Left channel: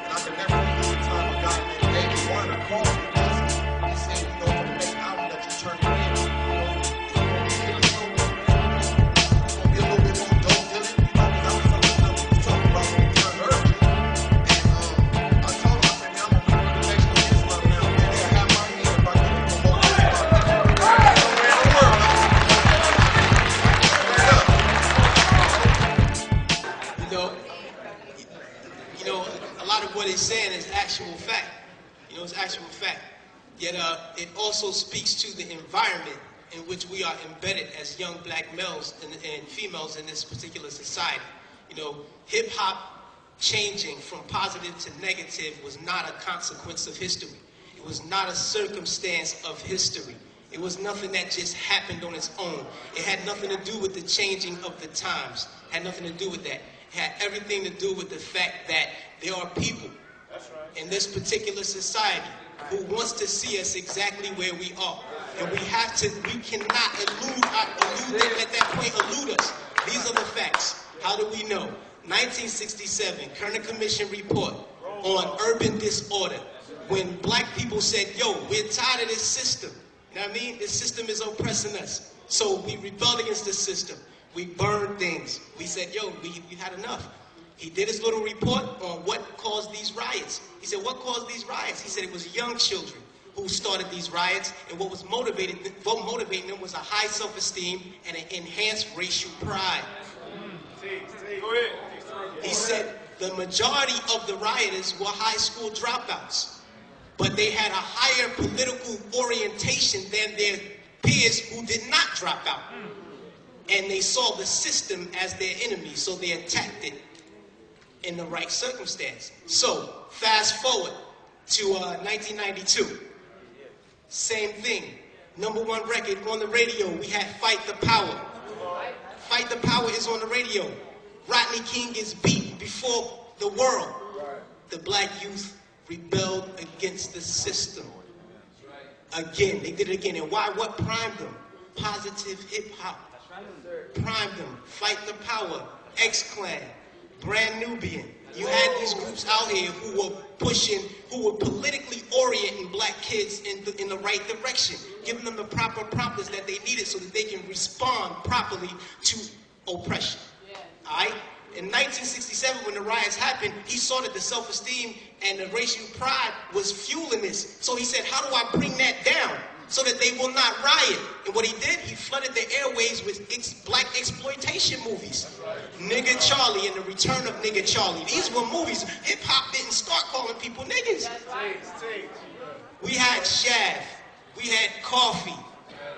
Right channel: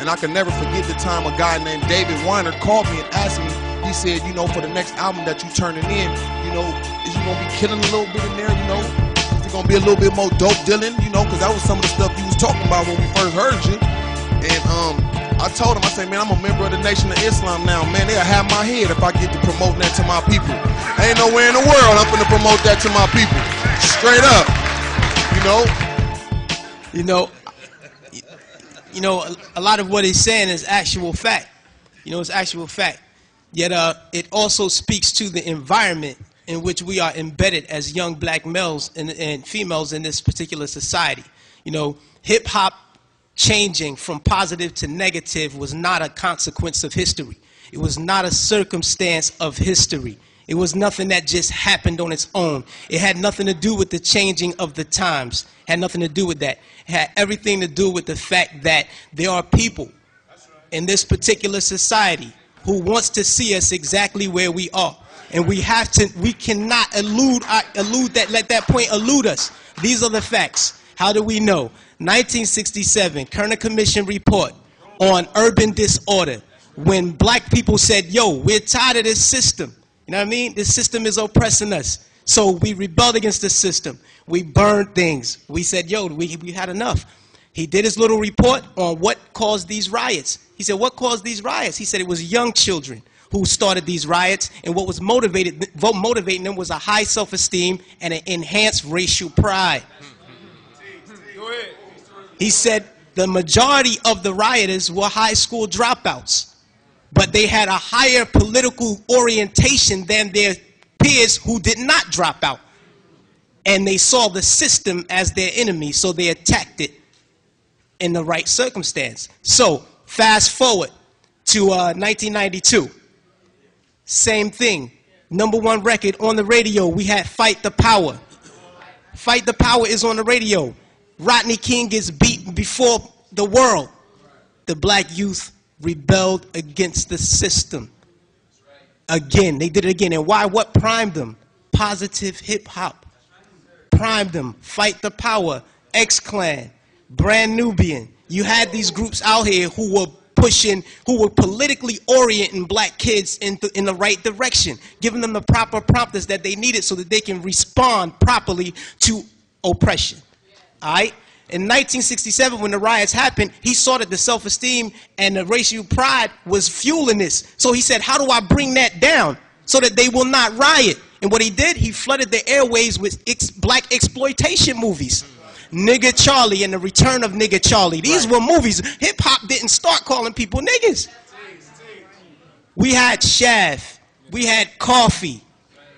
And I can never forget the time a guy named David Weiner called me and asked me, he said, you know, for the next album that you turning in, you know, is you gonna be killing a little bit in there, you know? Is it gonna be a little bit more dope dealing, you know? Because that was some of the stuff you was talking about when we first heard you. And I told him, I said, man, I'm a member of the Nation of Islam now. Man, they'll have my head if I get to promote that to my people. Ain't nowhere in the world I'm gonna promote that to my people. Straight up, you know? You know, a lot of what he's saying is actual fact. You know, it's actual fact. Yet it also speaks to the environment in which we are embedded as young black males and females in this particular society. You know, hip-hop changing from positive to negative was not a consequence of history. It was not a circumstance of history. It was nothing that just happened on its own. It had nothing to do with the changing of the times. It had nothing to do with that. It had everything to do with the fact that there are people in this particular society who wants to see us exactly where we are. And we cannot let that point elude us. These are the facts. How do we know? 1967, Kerner Commission report on urban disorder. When black people said, yo, we're tired of this system. You know what I mean? This system is oppressing us. So we rebelled against the system. We burned things. We said, yo, we had enough. He did his little report on what caused these riots. He said, what caused these riots? He said it was young children who started these riots, and what was motivating them was a high self-esteem and an enhanced racial pride. He said the majority of the rioters were high school dropouts, but they had a higher political orientation than their peers who did not drop out. And they saw the system as their enemy, so they attacked it in the right circumstance. So, fast forward to 1992. Same thing. #1 record on the radio, we had Fight the Power. Fight the Power is on the radio. Rodney King gets beaten before the world. The black youth rebelled against the system. Again, they did it again. And why? What primed them? Positive hip-hop. Primed them. Fight the Power, X-Clan, Brand Nubian. You had these groups out here who were pushing, who were politically orienting black kids in the right direction, giving them the proper prompters that they needed so that they can respond properly to oppression. All right? In 1967, when the riots happened, he saw that the self-esteem and the racial pride was fueling this. So he said, how do I bring that down so that they will not riot? And what he did, he flooded the airways with black exploitation movies. Nigga Charlie and the Return of Nigga Charlie. These were movies. Hip-hop didn't start calling people niggas. We had Shaft. We had Coffee.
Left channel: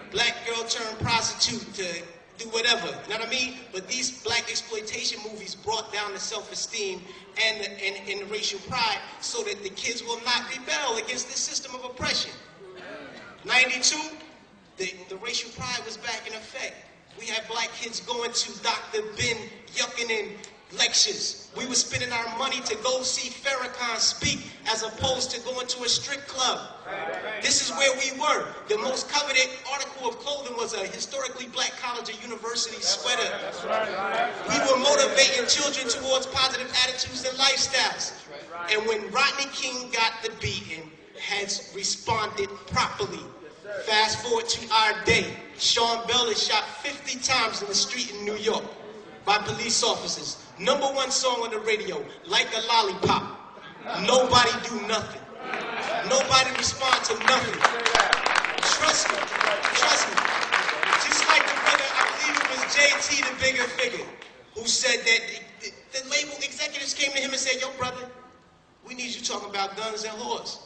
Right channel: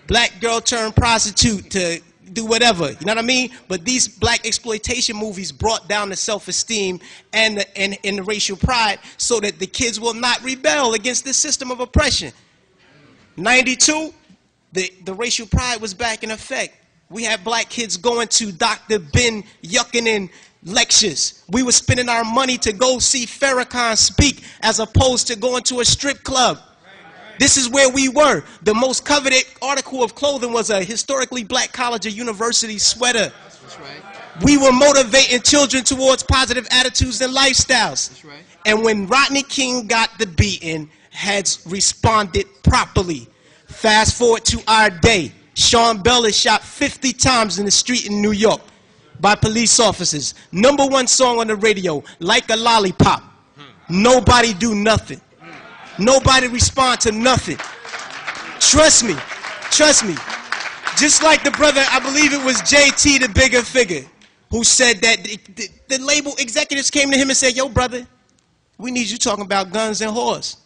Black girl turned prostitute to do whatever. You know what I mean? But these black exploitation movies brought down the self-esteem and the racial pride so that the kids will not rebel against this system of oppression. 92, the racial pride was back in effect. We had black kids going to Dr. Ben Yuckinen lectures. We were spending our money to go see Farrakhan speak as opposed to going to a strip club. This is where we were. The most coveted article of clothing was a historically black college or university sweater. We were motivating children towards positive attitudes and lifestyles. And when Rodney King got the beating, heads responded properly. Fast forward to our day. Sean Bell is shot 50 times in the street in New York by police officers. #1 song on the radio, Like a Lollipop. Nobody do nothing. Nobody respond to nothing. Trust me. Trust me. Just like the brother, I believe it was JT, the bigger figure, who said that the label executives came to him and said, yo, brother, we need you talking about guns and whores.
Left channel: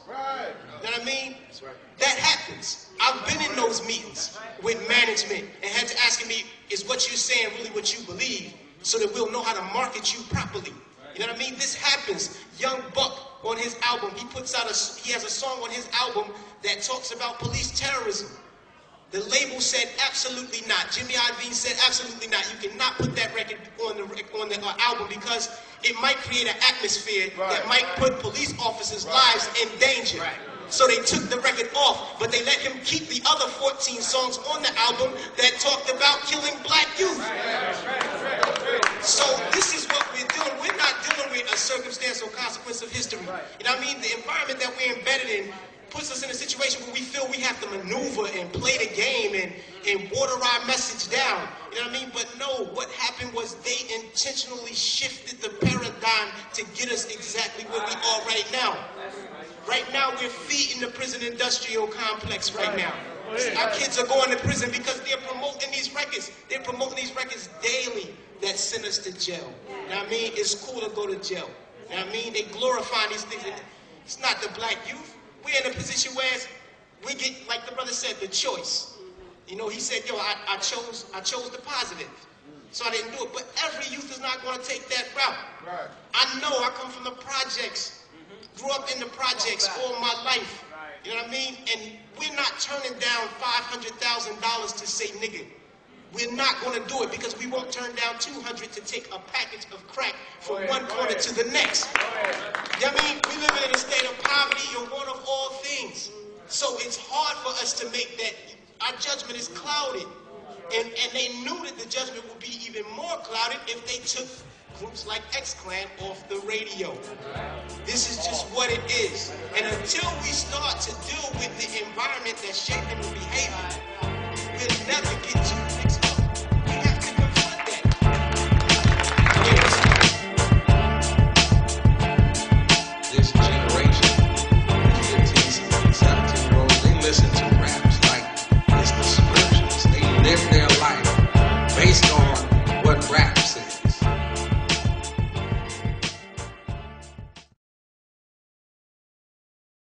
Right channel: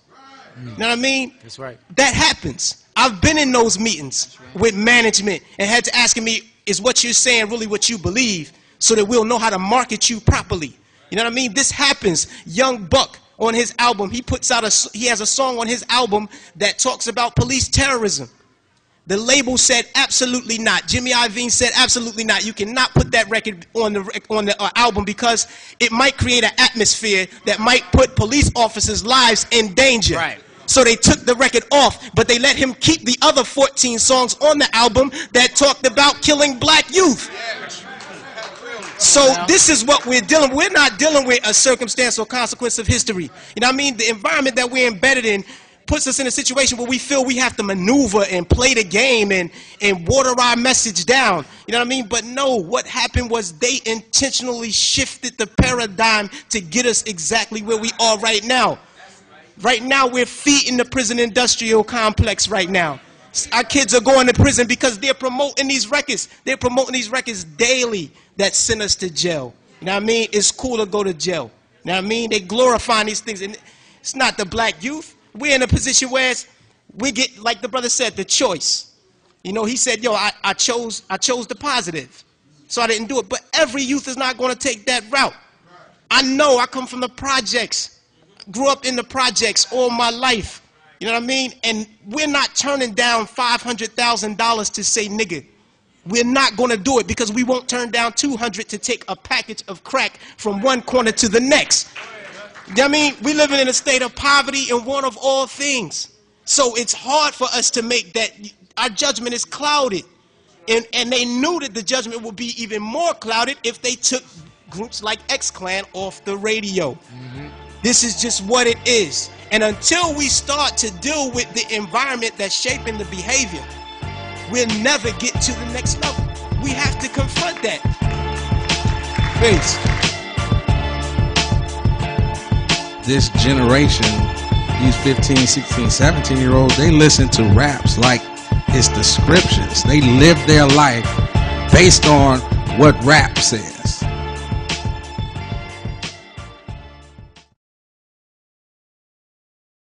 You know what I mean? That's right. That happens. I've been in those meetings with management and had to ask me, is what you're saying really what you believe, so that we'll know how to market you properly? You know what I mean? This happens. Young Buck on his album, he has a song on his album that talks about police terrorism. The label said absolutely not. Jimmy Iovine said absolutely not. You cannot put that record on the album because it might create an atmosphere that might put police officers' lives in danger. Right. So they took the record off, but they let him keep the other 14 songs on the album that talked about killing black youth. So this is what we're dealing with. We're not dealing with a circumstance or consequence of history. You know what I mean? The environment that we're embedded in puts us in a situation where we feel we have to maneuver and play the game and water our message down. You know what I mean? But no, what happened was they intentionally shifted the paradigm to get us exactly where we are right now. Right now, we're feeding the prison industrial complex right now. Our kids are going to prison because they're promoting these records. They're promoting these records daily that send us to jail. You know what I mean? It's cool to go to jail. You know what I mean? They glorifying these things. And it's not the black youth. We're in a position where we get, like the brother said, the choice. You know, he said, yo, I chose the positive. So I didn't do it. But every youth is not going to take that route. I know I come from the projects. Grew up in the projects all my life. You know what I mean? And we're not turning down $500,000 to say nigga. We're not going to do it because we won't turn down $200 to take a package of crack from one corner to the next. You know what I mean? We're living in a state of poverty and want of all things. So it's hard for us to make that. Our judgment is clouded. And they knew that the judgment would be even more clouded if they took groups like X-Clan off the radio. This is just what it is. And until we start to deal with the environment that's shaping the behavior, we'll never get to the next level. We have to confront that. Wait. This generation, these 15, 16, 17-year-olds, they listen to raps like it's the scriptures. They live their life based on what rap says.